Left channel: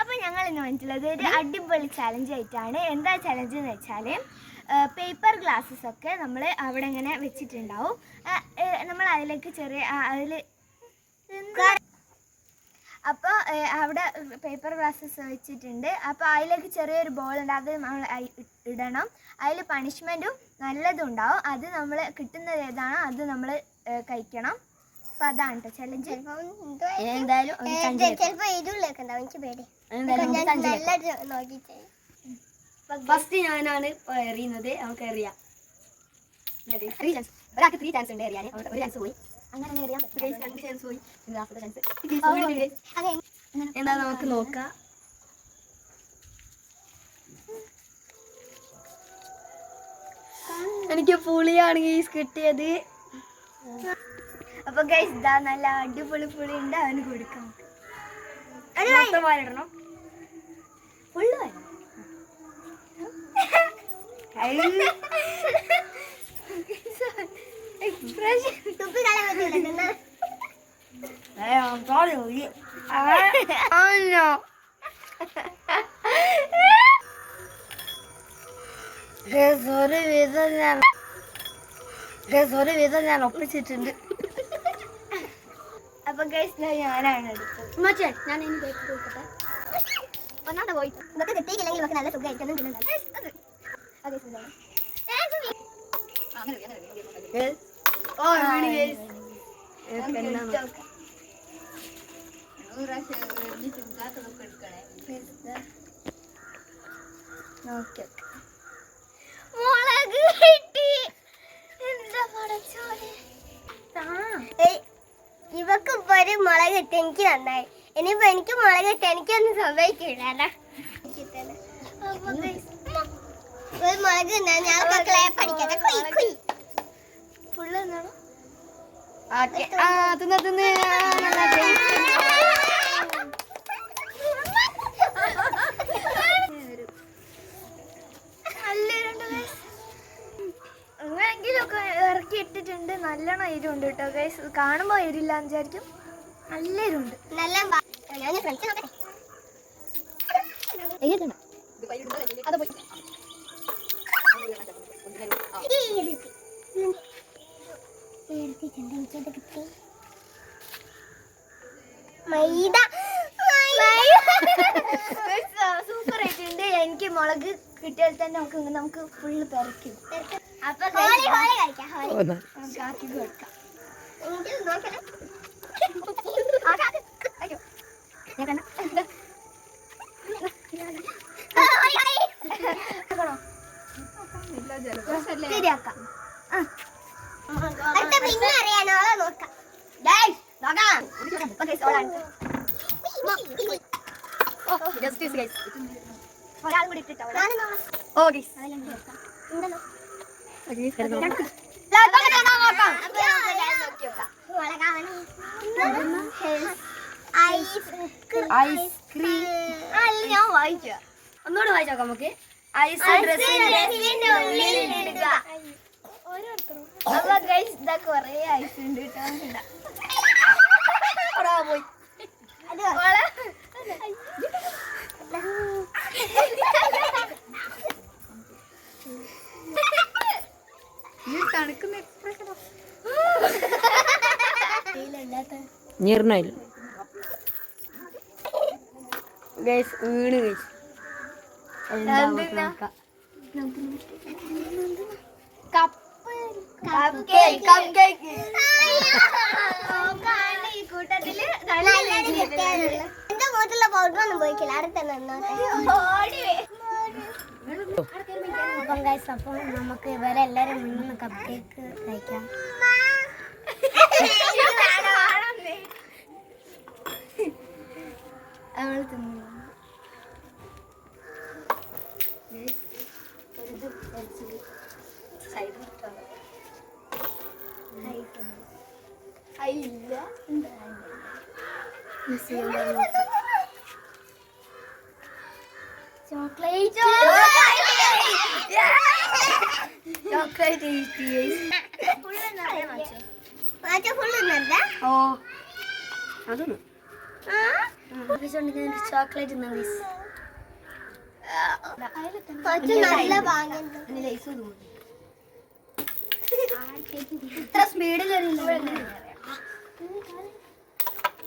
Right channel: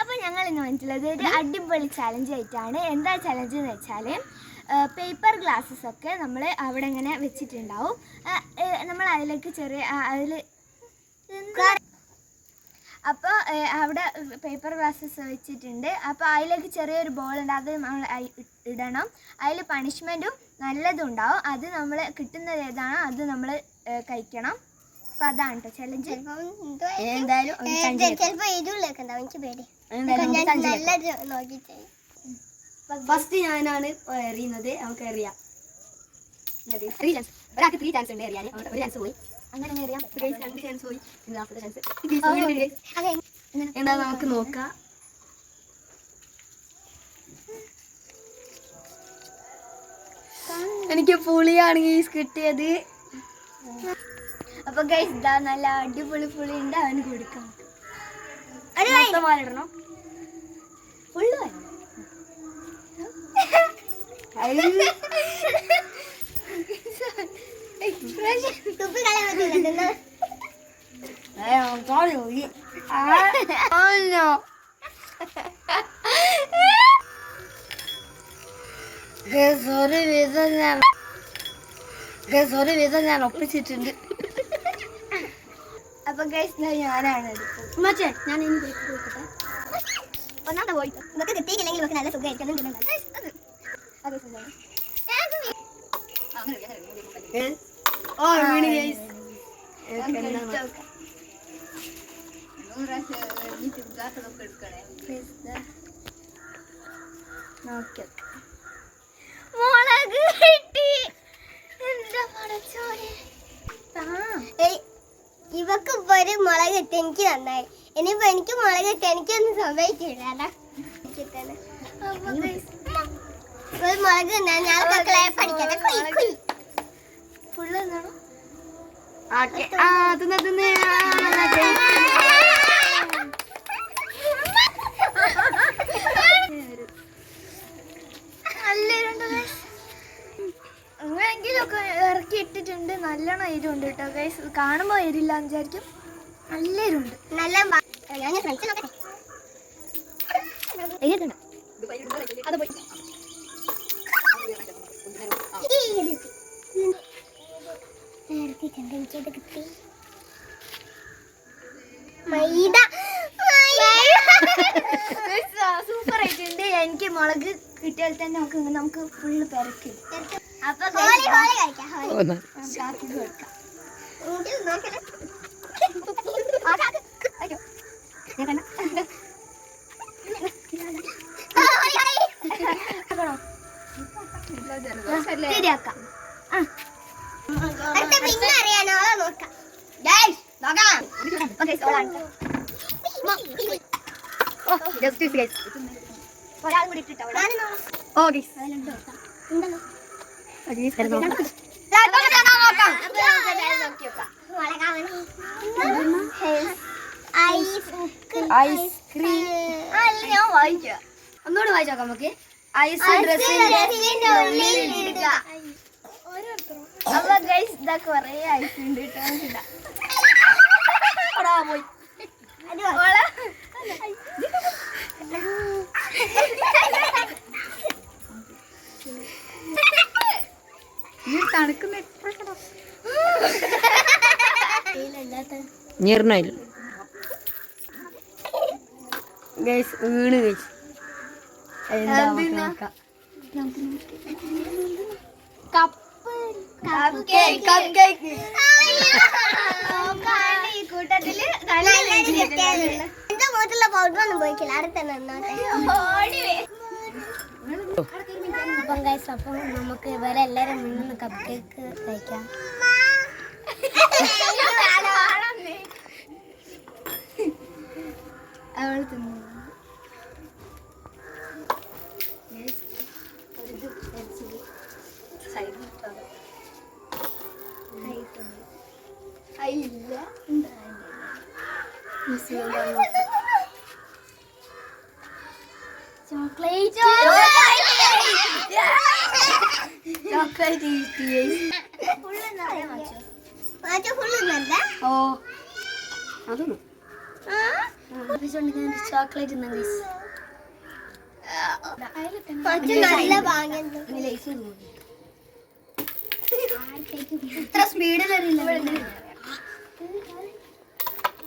അപ്പൊ ഞങ്ങൾ ഇന്ന് വന്നിട്ടുള്ളത് ഒരു അടിപൊളി ചലഞ്ച് ആയിട്ടാണ്. എന്താ ചലഞ്ച് എന്ന് വെച്ചാൽ പേപ്പർ ഗ്ലാസ്സസ് ഒക്കെ നമ്മൾ അവിടെ ഇങ്ങനെ വെച്ചിട്ടുണ്ടാവും. നമ്മൾ അതിലേക്ക് ചെറിയ അതിൽ അപ്പോൾ അവിടെ പേപ്പർ ഗ്ലാസ്സസ് വെച്ചിട്ടുണ്ട്. അപ്പോൾ അതിലേക്ക് ചെറിയൊരു ബോൾ ഉണ്ട് അത് നമ്മൾ ഇടണം. അതിൽ പണിഷ്മെന്റും നല്ലതും ഉണ്ടാവും. അത് നമ്മൾ കിട്ടുന്നത് ഏതാണോ? അത് നമ്മൾ കഴിക്കണം. അപ്പോൾ അതാണ് കേട്ടോ ചലഞ്ച് എന്തായാലും. ചിലപ്പോ ഇരുളൊക്കെ ഉണ്ടാവും എനിക്ക് പേടി. നല്ല നോക്കിട്ടേ ഫസ്റ്റ് ഞാനാണ് എറിയുന്നത്. നമുക്ക് എറിയാം. ചാൻസ് ഒരാൾക്ക് ത്രീ ചാൻസ് ഉണ്ട് എറിയാൻ ഒരു ചാൻസ് പോയി. അങ്ങനെ രണ്ട് ചാൻസ് പോയി. ചാൻസ് എന്താ നമുക്ക് നോക്കാം. എനിക്ക് പുളിയാണ് ഗീസ് കിട്ടിയത്. അപ്പോൾ ഗൈസ് ഇതാ നല്ല അടിപൊളി പുളി ഉണ്ട് അവന് കൊടുക്കാം. ഇടണം. സോറി ഫുള്ള് ഒരു വിധം ഞാൻ Guys, ഒരു വിധം ഞാൻ ഒപ്പിച്ചിട്ടുണ്ട്. അപ്പോൾ ഗൈസ് ഞാനാണ്. എടുത്തത് ഞാൻ ഒന്നാമത്തെ പോയി. ഇതൊക്കെ കിട്ടിയില്ലെങ്കിൽ നമുക്ക് നല്ല സുഖമായിരിക്കും. അതും തിന്നുന്നത്. അതെ സുഖമാണ് ഓ വീണ് ഗൈസ് നമുക്ക് എടുത്ത് നോക്കാം. നോക്കി നോക്കാം. മുളക് കിട്ടി എന്താ പടച്ചോനെ ഏയ്, ഇവക്ക് ഇപ്പൊ ഒരു മുളക് കിട്ടി എനിക്ക് നന്നായി. ഇനിയിപ്പോ എനിക്ക് മുളക് കിട്ടി എനിക്കൊന്നും സംഭവിക്കില്ല ഒരു മുളക് തിന്നാൻ ഞാൻ മക്കളെ പഠിക്കാതെ എന്നാണോ ഇറക്കി ഇട്ടിട്ടുണ്ട്. നല്ലോണം എരിവുണ്ട് കേട്ടോ ഗൈസ് കാണുമ്പോൾ എരില്ല വിചാരിക്കും. നല്ല എരിവുണ്ട് നല്ല ഞാൻ ഫ്രണ്ട്സ് നോക്കട്ടെ. മൈദ. സൂപ്പർ ആയിട്ടുണ്ട്. എനിക്ക് മുളക് കിട്ടിയാൽ തന്നെ നമുക്ക് നമുക്ക് ഫുള്ള് പെരക്കി അപ്പൊ കളിക്കാം Okay, so ഓളാണ്. ജസ്റ്റിസ് ഗൈസ് ഒരാളും കൂടി ഇട്ടിട്ടോ. ഓ ഗൈസ് നോക്കാം. ഐസ്ക്രീം ഞാൻ വായിക്കാം ഒന്നുകൂടെ വായിച്ചോക്കാം നമുക്ക്. ഐസ് ഡ്രസ്സിന്റെ ഉള്ളിൽ ഇടുക. അപ്പൊ ഗൈസ് ഇതാ കൊറേ ഐസ് ഉണ്ട് കിട്ടാൻ ഇടാം. പോയി. ഗൈസ് വീണ്? നോക്കാം. കപ്പ്. കപ്പ് കേക്ക് നോക്കാണ്ട് ഈ കൂട്ടത്തിൽ എന്റെ മുഖത്തുള്ള പൗഡർ ഒന്നും പോയിക്കില്ല അവിടെ തന്നെ. അപ്പം ഗൈസ് അപ്പം നമുക്ക് ഇവരെല്ലാരും മുന്നിൽ കപ്പ് കേക്ക് കഴിക്കാം. അവൾ തിന്നു ചോക്ലേറ്റ് ചോക്ലേറ്റ് ഇന്നല്ല ഓ അതൊന്നും ചോക്ലേറ്റ് ഇത്ര ഓക്കേ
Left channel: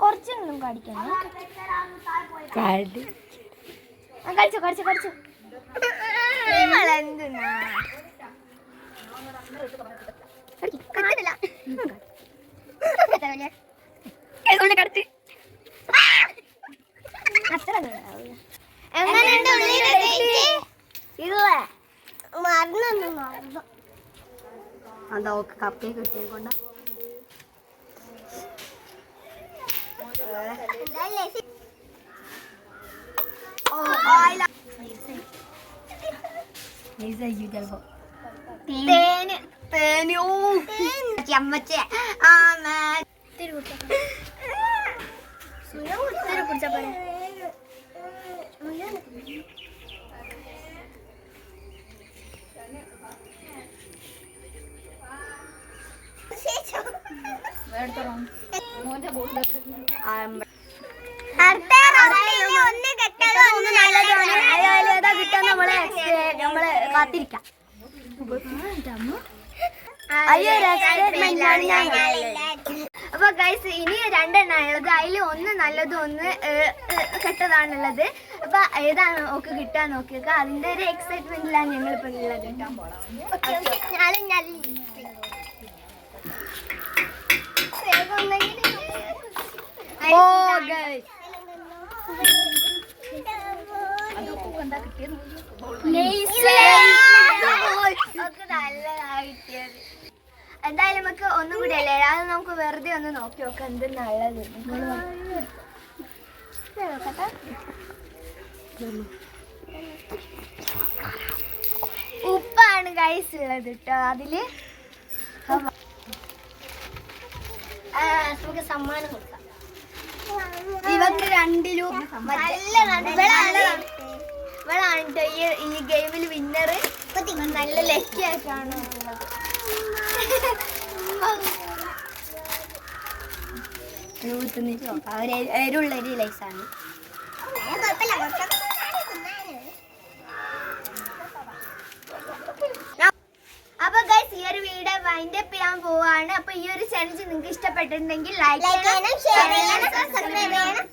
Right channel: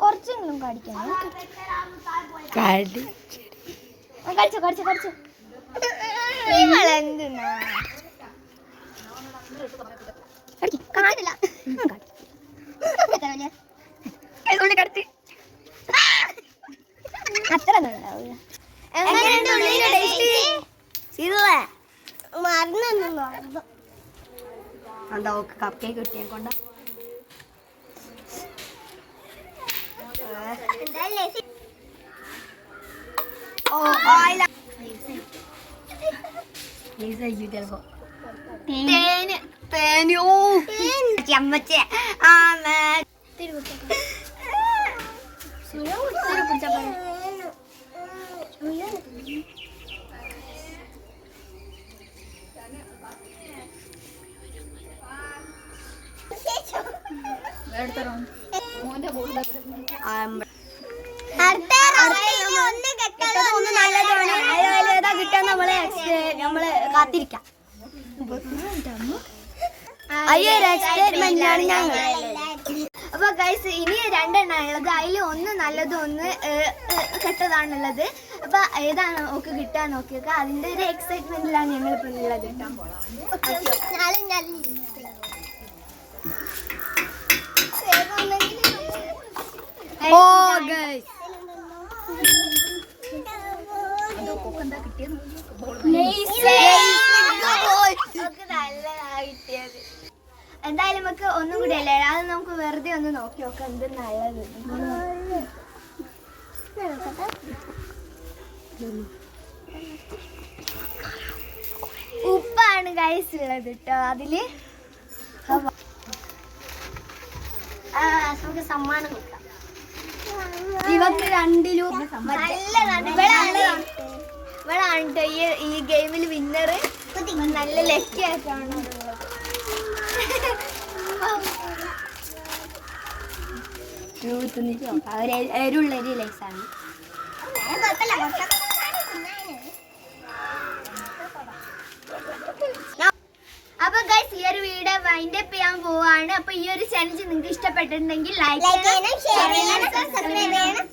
കുറച്ചെങ്കിലും കടിക്കണം കടിച്ചോ കടിച്ചോ കടിച്ചോ ഇവളെന്തിനാ എന്താ ഓക്ക് കപ്പ് കേക്ക് കിട്ടിയ കൊണ്ട. ചമ്മച്ചേ തിരി പിടിച്ചാ പോരെ. അപ്പൊ ഗൈസ് ഇനി രണ്ടെണ്ണാണുള്ളത് അതിൽ ഒന്ന് നല്ലതും ഒന്ന് കെട്ടതാണുള്ളത് അപ്പൊ ഏതാണ് ഒക്കെ കിട്ടാൻ നോക്കിയൊക്കെ? അതിന്റെ ഒരു എക്സൈറ്റ്മെന്റിലാണ് ഞങ്ങൾ ഇപ്പൊ ഉള്ളത് കേട്ടോ നാലും ഞാനും വേഗം ഒന്നെങ്കിലും ഓ ഗൈസ് ഒക്കെ നല്ലതാ കിട്ടിയത് എന്തായാലും നമുക്ക് ഒന്നും കൂടി അല്ലേ അത് നമുക്ക് വെറുതെ ഒന്ന് നോക്കി നോക്കാം എന്ത് നല്ലത് ഉപ്പാണ് ഗൈസ് ഉള്ളത് കേട്ടോ അതിൽ നമുക്ക് സമ്മാനം കൊടുക്കാം. ഇവക്ക് രണ്ടിലും ഇവളാണ് ഇവളാണ് ട്ടോ ഈ ഈ ഗെയിമിൽ വിന്നർ നല്ല ലക്കി ആയിട്ടാണ് തിന്നിട്ട് നോക്കാം ഒരു എരുള്ള ഒരു ലൈസാണ് ഞാൻ കുഴപ്പമില്ല കുറച്ചൊക്കെ തിന്നാന്. അപ്പൊ ഗൈസ് ഈ ഒരു വീഡിയോ അപ്പ് പോവാണ്. അപ്പൊ ഈ ഒരു ചലഞ്ച് നിങ്ങൾക്ക് ഇഷ്ടപ്പെട്ടിട്ടുണ്ടെങ്കിൽ ലൈക്ക് ചെയ്യണം ഷെയർ ചെയ്യണം സബ്സ്ക്രൈബ് ചെയ്യണം.